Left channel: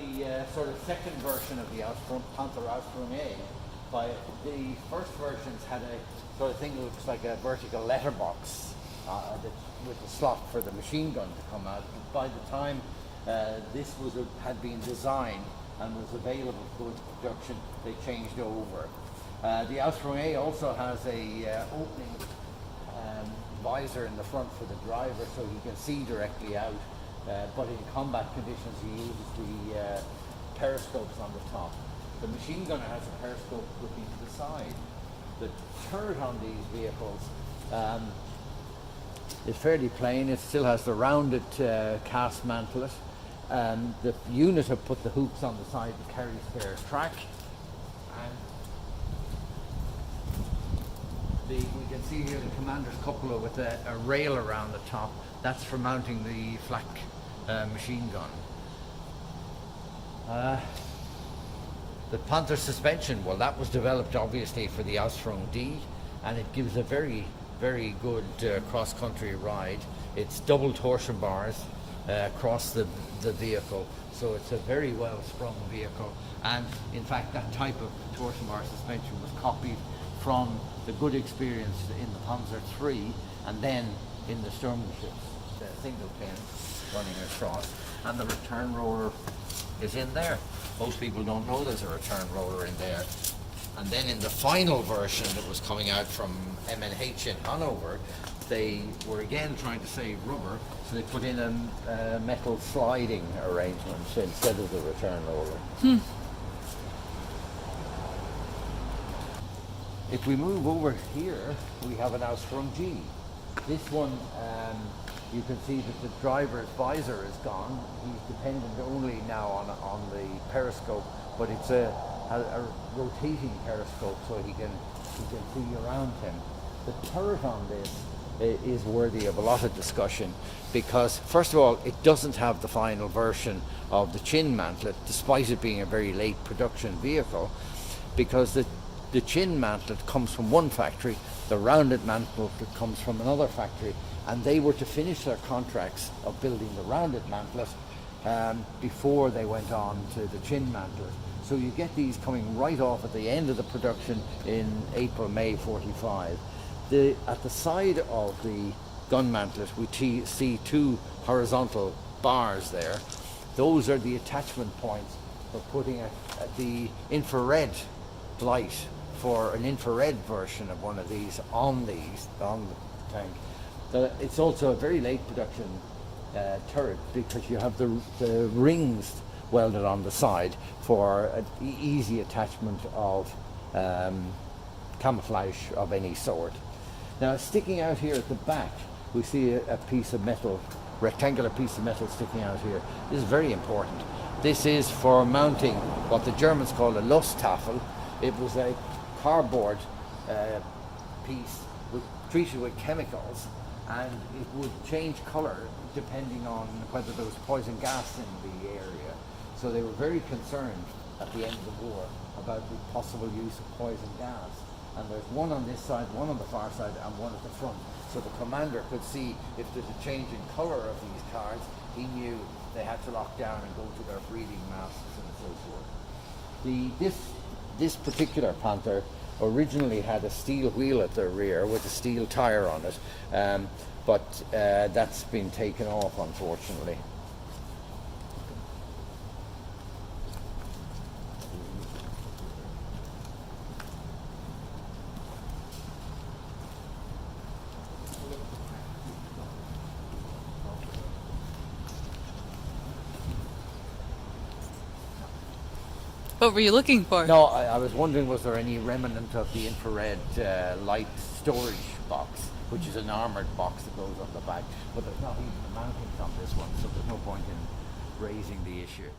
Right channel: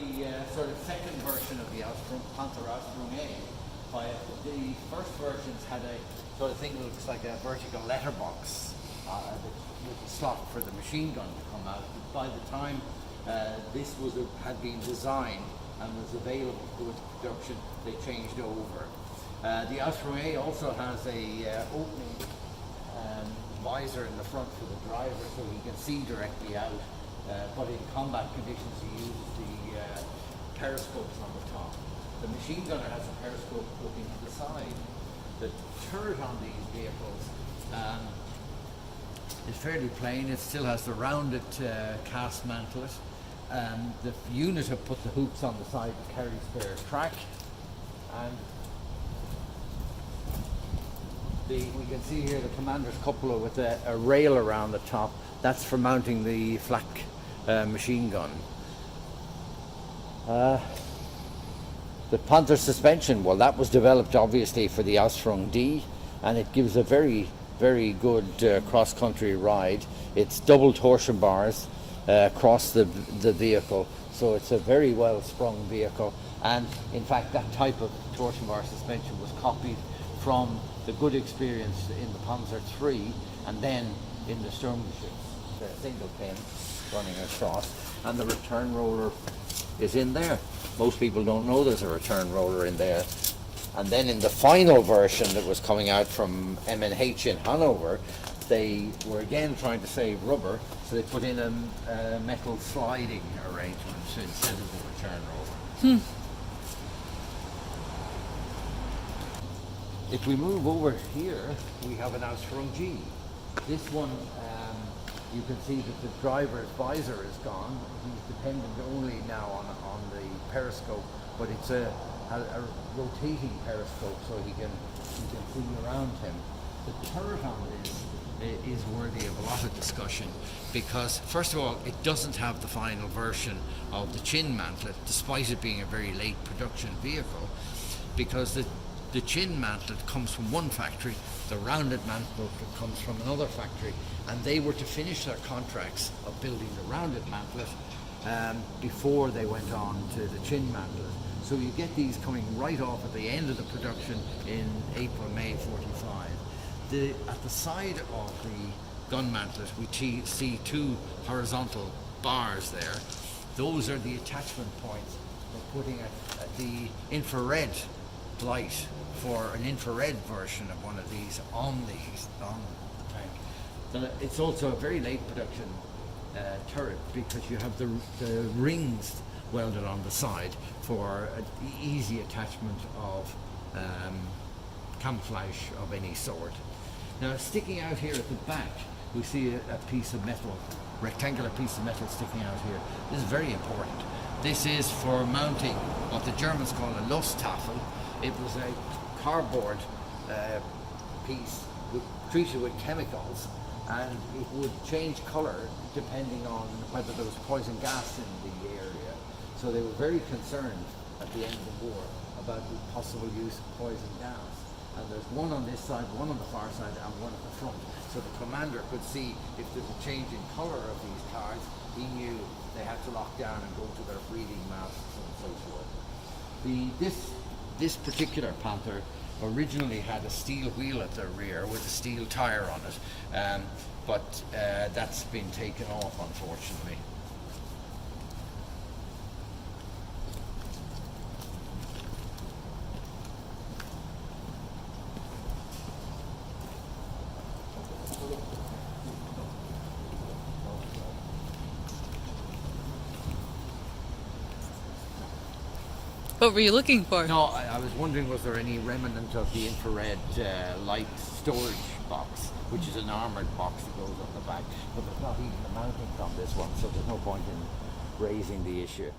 the sort of second version of the Panther A. The first versions had a sort of thing that looks like a vertical letterbox with a slot for the machine gun to come out. But by the time this had been designed and was available for production, they changed over. The Ausf A also has a opening visor in the front for the driver so he can see directly out, but in combat conditions he uses the periscopes on the top. The machine gunner has a periscope looking to the side. The turret on these vehicles is fairly plain. It still has the rounded cast mantlet. The unit have put the hoops on the side that carries their track, and we can see here the commander's cupola with a rail around the top. That's for mounting the flak machine gun. The Panther suspension, well, that was developed obviously for the Ausf D, and it gives a very, very good cross-country ride. It's double torsion bars across the vehicle, so it's a very well-sprung vehicle. And in fact, that type of torsion bar suspension was copied from the good experience in the Panzer III, and then in the Sturmgeschütz, the single pin running across, and the return roller is in there. Most people don't know there's a return roller in there. And then in the final version that was coming out from M&H in Hanover, they were again trying to save rubber, so they put in a metal sliding arrangement instead of the return roller. If we move over here, we have an Ausf G. This one, you can see that the driver's visor is gone. He's dependent only now on the periscope, but it's a rotating periscope, so he can see around him. The turret on this is worthy of a lot of discussion because, first of all, it doesn't have the final version of the chin mantlet, despite it being a very late production vehicle, because the chin mantlet comes from one factory, the rounded mantlet comes from another factory, and they were to finish their contracts of building the rounded mantlet before they went on to the chin mantlet. So you get these coming right off at the end of the production in April, May 45. At the side of the gun mantlet, we see two horizontal bars there. Those are the attachment points for putting the infrared light for an infrared version of one of these on the tank. It's also a very late production turret because you have the rings welded on the side for an easy attachment of camouflage of any sort. Now, sticking out here at the back, we see a piece of metal, rectangular piece of metal sticking out here. This is very important. This is for mounting what the Germans call a Lusttafel. It was a cardboard piece treated with chemicals, and it would change colour depending on whether there was poison gas in the area. So they were very concerned at the end of the war about the possible use of poison gas. And there's one on this side, one on the far side, and one at the front. So the commander could see if there's a change in colour of these cards, he knew they had to lock down and go to their breathing masks and so forth. This particular Panther originally had a steel wheel at the rear with a steel tyre on it, but that's been taken off, unfortunately. What were you looking for? No, I was wondering, was there any remnant of the infrared light storage box, which is an armoured box that goes on the back, but there's not even a mounting on this one, so there's no point in raising the issue.